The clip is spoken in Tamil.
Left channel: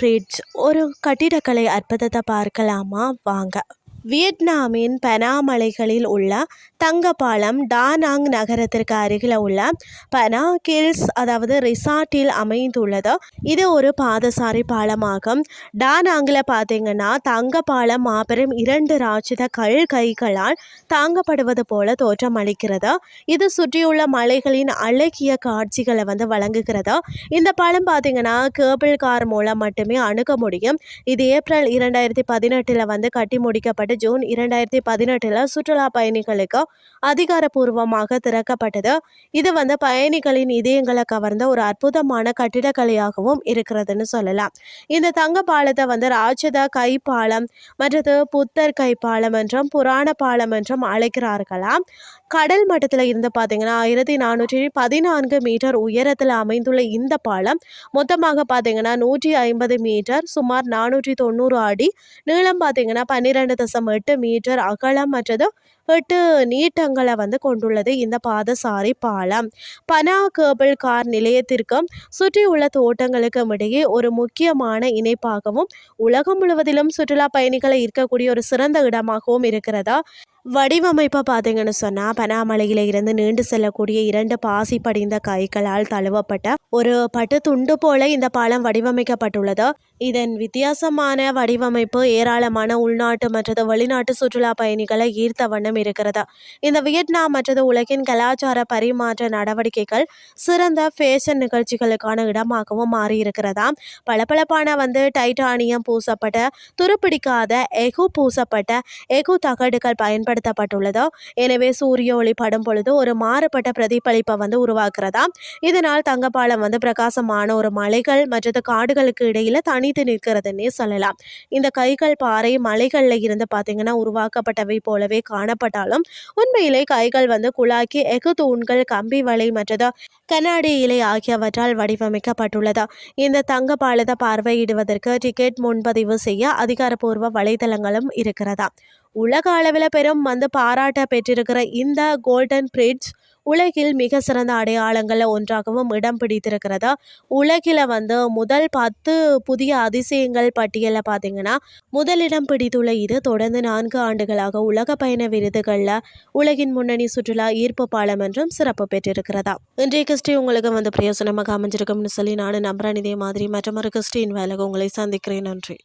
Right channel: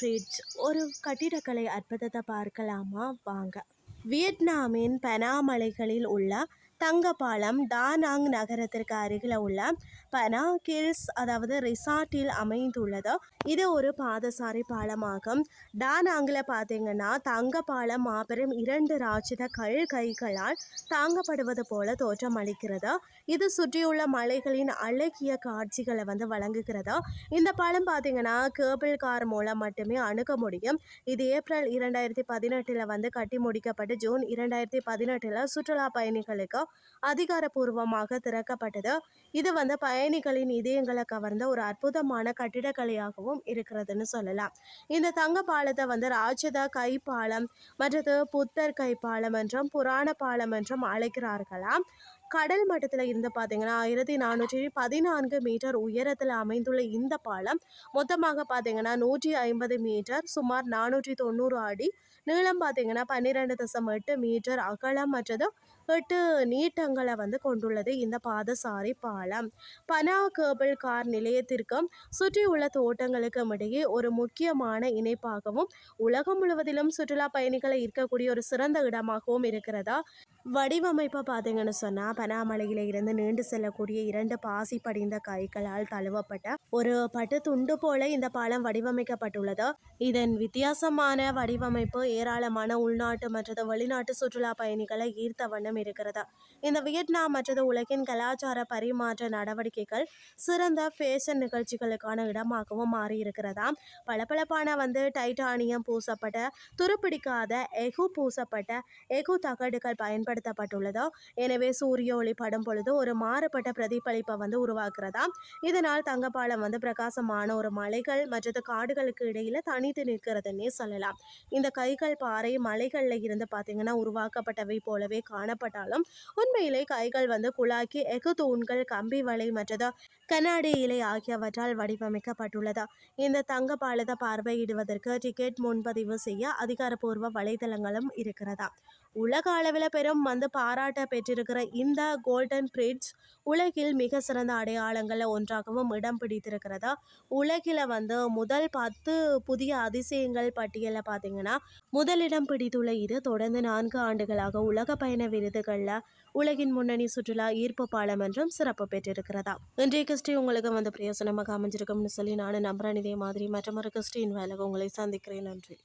பிரிட்ஜ் ஒரு கட்டிடக்கலை அற்புதத்தை பார்க்கலாமா வாங்க. வியட்நாமின் பனா மலைகளில் உள்ள தங்க பாலம் டானாங் நகரத்திற்கு அருகில் உள்ள பனா கில்ஸ் அதாவது ரிசார்ட்டில் அமைந்துள்ளது. இது ஒரு பாதசாரி பாலமாகும். டானாங்கில் பார்த்தீங்கன்னா தங்க பாலம் மாபெரும் 2 ராட்சத கைகளால் தாங்கப்படுவது போல தோற்றம் அளிக்கிறது. இது சுற்றியுள்ள மலைகளின் அழகிய காட்சிகளை வழங்குகிறது. இந்த பாலம் பார்த்தீங்கன்னா கேபிள் கார் மூலம் மட்டுமே அணுக முடியும். இது ஏப்ரல் 2018 கட்டி முடிக்கப்பட்டு ஜூன் 2018 சுற்றுலா பயணிகளுக்கு அதிகாரப்பூர்வமாக திறக்கப்பட்டது. இது பயணிகளின் இதயங்களை கவர்ந்த ஒரு அற்புதமான கட்டிடக்கலையாகவும் இருக்கிறதுன்னு சொல்லலாம். இந்த தங்க பாலத்தை ராட்சத கை பாலம் மற்றது புத்தர் கை பாலம் என்றும் புராண பாலம் என்றும் அழைக்கிறார்களாம். கடல் மட்டத்தில் இருந்து பார்த்தீங்கன்னா 1414 மீட்டர் உயரத்தில் அமைந்துள்ள இந்த பாலம் மொத்தமாக பார்த்தீங்கன்னா 150 மீட்டர் சுமார் 490 அடி நீளம் பார்த்தீங்கன்னா 12.8 மீட்டர் அகலம் மற்றது 8 நீட்டங்களை கொண்டுள்ளது இந்த பாதசாரி பாலம். பனா கேபிள் கார் நிலையத்திற்கும் சுற்றியுள்ள தோட்டங்களுக்கும் இடையே ஒரு முக்கியமான இணைப்பாகவும் உலகம் முழுவதிலும் சுற்றுலா பயணிகளை ஈர்க்கக்கூடிய ஒரு சிறந்த இடமாகவும் இருக்கிறதா. வடிவமைப்பை பார்த்தீங்கன்னு சொன்னால் பனாமலையில இருந்து நீண்டு செல்லக்கூடிய 2 பாசி படிந்த கைகளால் தழுவப்பட்ட ஒரு பட்டு துண்டு போல இந்த பாலம் வடிவமைக்கப்பட்டுள்ளது. இதன் வித்தியாசமான வடிவமைப்பு ஏராளமான உள்நாட்டு மற்றது வெளிநாட்டு சுற்றுலா பயணிகளை ஈர்த்த வண்ணம் இருக்கிறது. இந்த வியட்நாம் மற்றது உலகின் கலாச்சார பரிமாற்ற நடவடிக்கைகள் சிறந்த ஃபேஷன் நிகழ்ச்சிகளுக்கான இடமாகவும் மாறியிருக்கிறதா. பளபளப்பான டைட்டானியம் பூசப்பட்ட துருப்பிடிக்காத எஃகு பூசப்பட்ட எஃகு தகடுகள் பயன்படுத்தப்பட்டுள்ளது. எனவே சூரிய ஒளி படும் பொழுது ஒரு மாறுபட்ட பிரதிபலிப்பை உருவாக்குறதா. இதனால் தங்கப்பாலம் பிரகாசமான ஒரு மலைகள் மற்றது காடுகளுக்கு இடையில தனித்து நிற்கிறதுன்னே சொல்லலாம். இந்த கைகள் பாறை மலைகள்ல இருந்து பார்த்தீங்கன்னா உருவாக்கப்பட்டவை போலவே காணப்பட்டாலும் உண்மையிலே கைகள் குழாக்கி எஃகு தூண்கள் கம்பி வலை மற்றது கண்ணாடி இலை ஆகியவற்றால் வடிவமைக்கப்பட்டுள்ளது. இந்த தங்க பாலத்தை பார்வையிடுவதற்கு டிக்கெட் முன்பதிவு செய்ய அதிகாரப்பூர்வ வலைதளங்களும் இருக்கிறதா. உலக அளவில் பெரும் பாராட்ட பெற்றிருக்கிற இந்த கோல்டன் பிரிட்ஜ் உலகில் மிக சிறந்த அடையாளங்களில் ஒன்றாகவும் இடம் பிடித்திருக்கிறதா. உலகில் முதல் 10 புதிய அதிசயங்கள் பட்டியலில் பார்த்தீங்கன்னா முதலிடம் பிடித்துள்ள இது தொடர்ந்து 4 ஆண்டுகளாக உலக பயண விருதுகளில் உலகின் முன்னணி சுற்றுலா ஈர்ப்பு பாலம் என்றும் சிறப்பு பெற்றிருக்கிறதா. இன்றைய கிறிஸ்டி உங்களுக்கு பிரயோசனமாக அமைஞ்சிருக்கும்னு சொல்லி நான் நம்புறேன். இதே மாதிரி மற்றொரு கிறிஸ்டின் வேலைக்கு உங்களை சந்திக்கிறேன். நன்றி.